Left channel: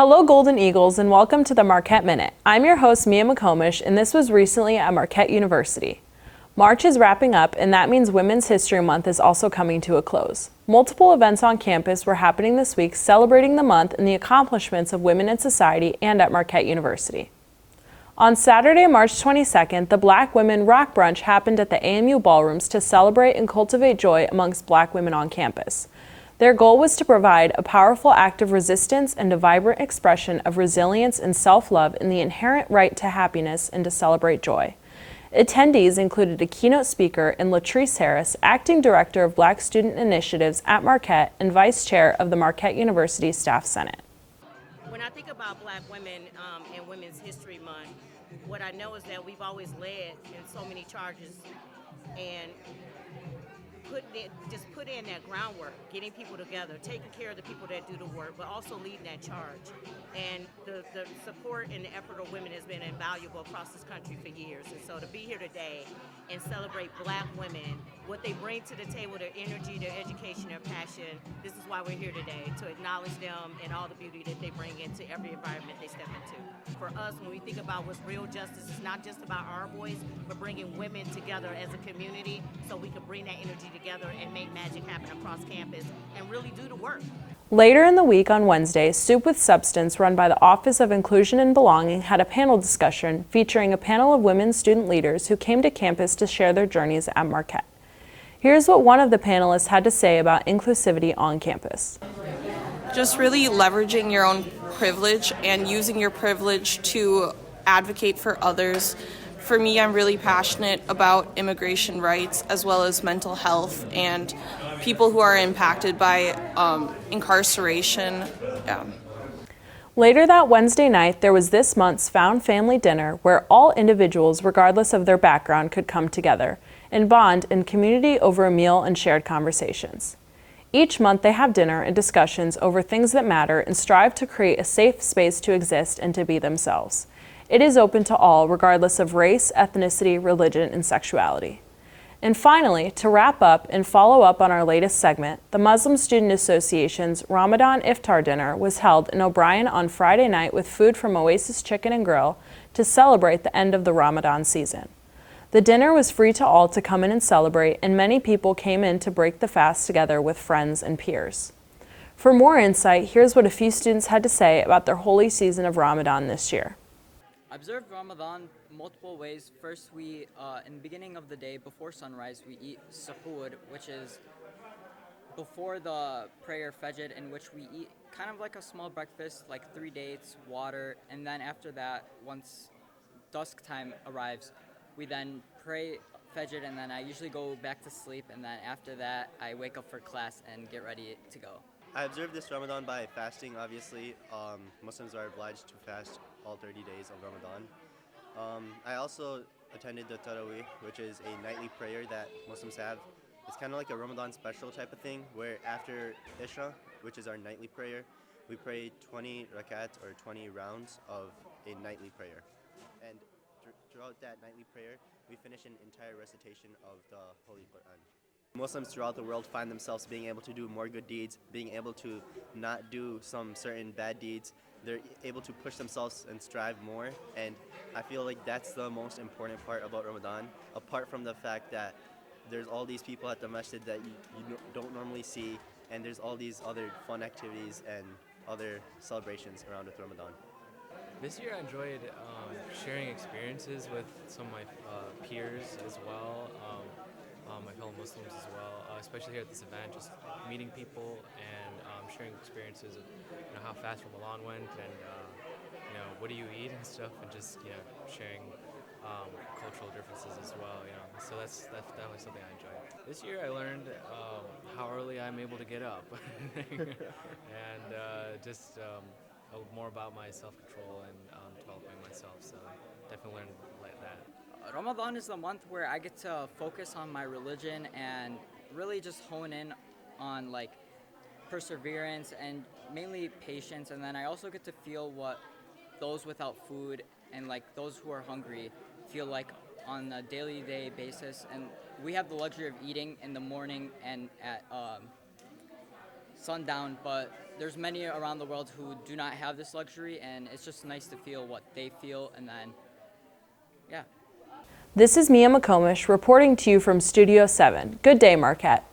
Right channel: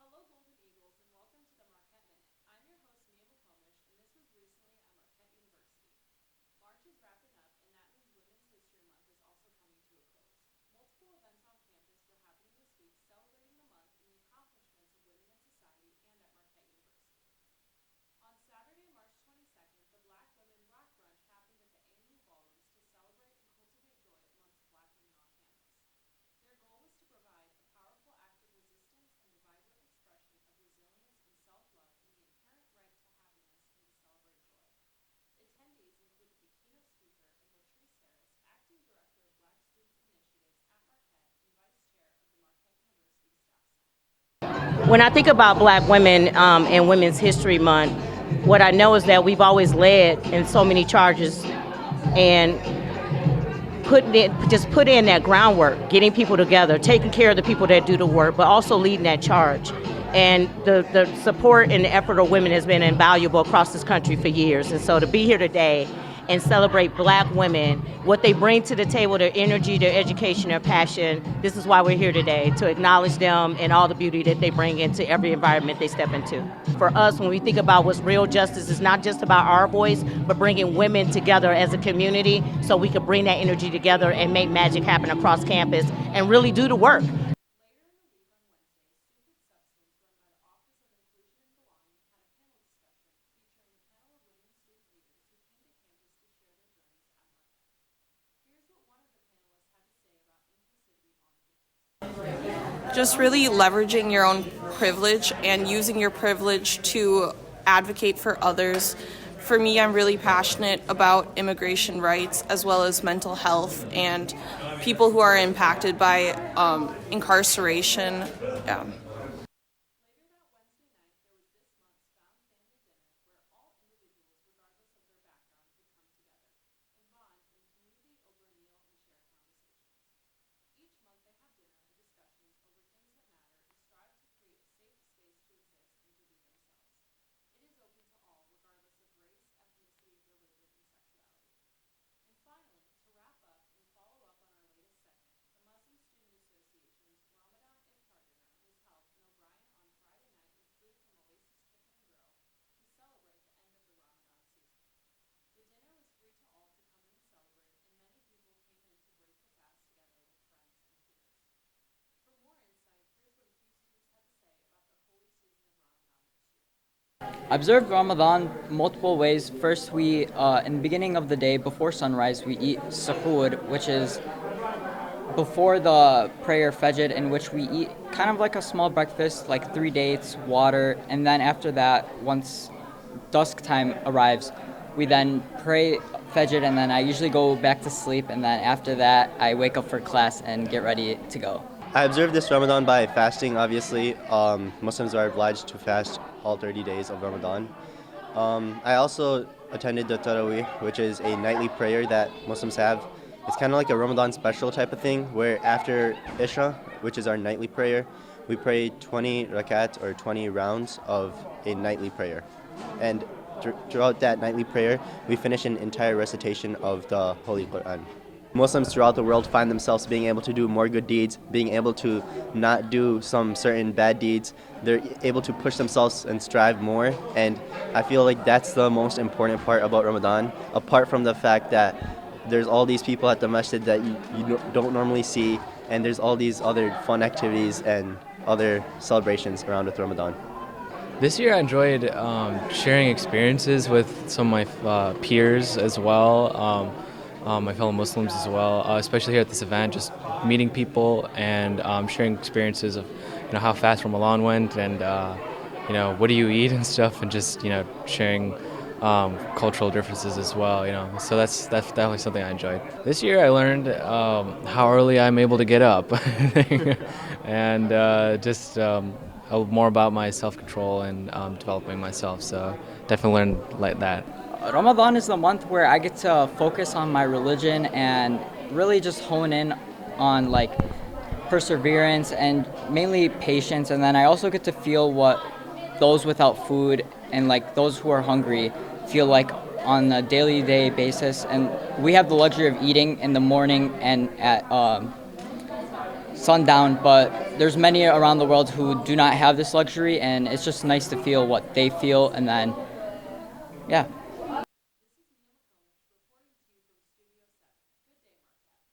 Hello, Golden Eagles, and welcome to the Marquette Minute. I'm your host, Mia McComish, and this was recently at Marquette University. March is wrapping up, and that means Women's History Month is also coming to a close. Multiple events on campus were happening this week celebrating the month and the accomplishments of women in society and at Marquette University. On Saturday, March 22nd, the Black Women Rock Brunch happened at the AMU ballrooms to celebrate and cultivate joy amongst Black women on campus. Their goal was to provide a powerful act of resistance and a vibrant expression of resilience and self-love in the inherent right to happiness and to celebrate joy. Attendees included a keynote speaker in Latrice Harris, Acting Director of Black Student Initiatives at Marquette and Vice Chair of the Marquette University Staff Senate. When I think about Black women and Women's History Month, what I know is that we've always led in so many charges and put in that groundwork, getting people together, taking care of the people that do the work, but also leading that charge. And the support and the effort of women has been invaluable across this country for years. And so to be here today and celebrate Black women, what they bring to the table, their energy, their education, their passion, this is why we're here today, to acknowledge them and all the beauty that they bring into every environment they step into. For us, when we think about what's real justice, it's not just about our voice, but bringing women together as a community so we can bring that energy together and make magic happen across campus and really do the work. Later in the week on Wednesday, Soup with Substance, run by the Office of Inclusion and Belonging, had a panel discussion featuring a panel of women student leaders who came to campus to share their journeys at Marquette. Here's what one of the panelists had to say about inclusivity on campus. Just really leveraging your own privilege and using your privilege to advocate for others. For me, I'm really passionate about immigration rights as well as mental health and people who are impacted by incarceration. Yeah. Later that Wednesday night, there was this month's Found Family Dinner where all individuals, regardless of their background, could come together and bond in community over a meal and shared conversations. Each month they have dinner and discussions over things that matter and strive to create a safe space to exist and to be themselves. It is open to all, regardless of race, ethnicity, religion, and sexuality. And finally, to wrap up and follow up on our latest segment, the Muslim Student Association's Ramadan Iftar Dinner was held in O'Brien on Friday night with food from Oasis Chicken and Grill to celebrate the end of the Ramadan season. The dinner was free to all to come in and celebrate, and many people came in to break the fast together with friends and peers. For more insight, here's what a few students had to say about their holy season of Ramadan this year. I observed Ramadan multiple ways. First, we, in the beginning of the day, before sunrise, we eat suhoor, which is before the prayer Fajr, in which we eat kind of like a small breakfast, like 3 dates, water, and then after that, once dusk time arrives, we then pray Fajr, and then I usually go back to sleep, and then after that, I wake up for class and get ready to go. I observed this Ramadan by fasting, obviously. Muslims are obliged to fast all 30 days of Ramadan. I also attended the Tarawih, which is a nightly prayer that Muslims have. It's kind of like a Ramadan special type of thing, where after Isha, which is our nightly prayer, we pray 20 rakat or 20 rounds of a nightly prayer. And throughout that nightly prayer, we finish an entire recitation of the Holy Quran. Muslims throughout the world find themselves being able to do more good deeds, being able to not do some certain bad deeds. They're able to push themselves and strive more, and I feel like that's the most important part about Ramadan, apart from the fact that there's all these people at the masjid that you don't normally see, and there's all these other fun activities and other celebrations around with Ramadan. This year I enjoyed sharing experiences with some of my peers as well. My fellow Muslims as well, especially here at this event, just meeting people and sharing experiences of, how fast Ramadan went and, what do you eat and stuff, and just, sharing cultural differences as well, So that's definitely something I enjoyed. This year I learned how early I'm able to get up and just more about my self-control and developing myself, so definitely learned like that. Ramadan is the month where I get to focus on my religion and really just hone in on perseverance and mainly patience, and then I also get to feel what those without food and those who are hungry feel like on a daily day basis. And we have the luxury of eating in the morning and at sundown, but there's many around the world who do not have this luxury, and it's just nice to feel what they feel, and then, yeah. This is Mia McComish reporting to you from Studio 7. Good day, Marquette.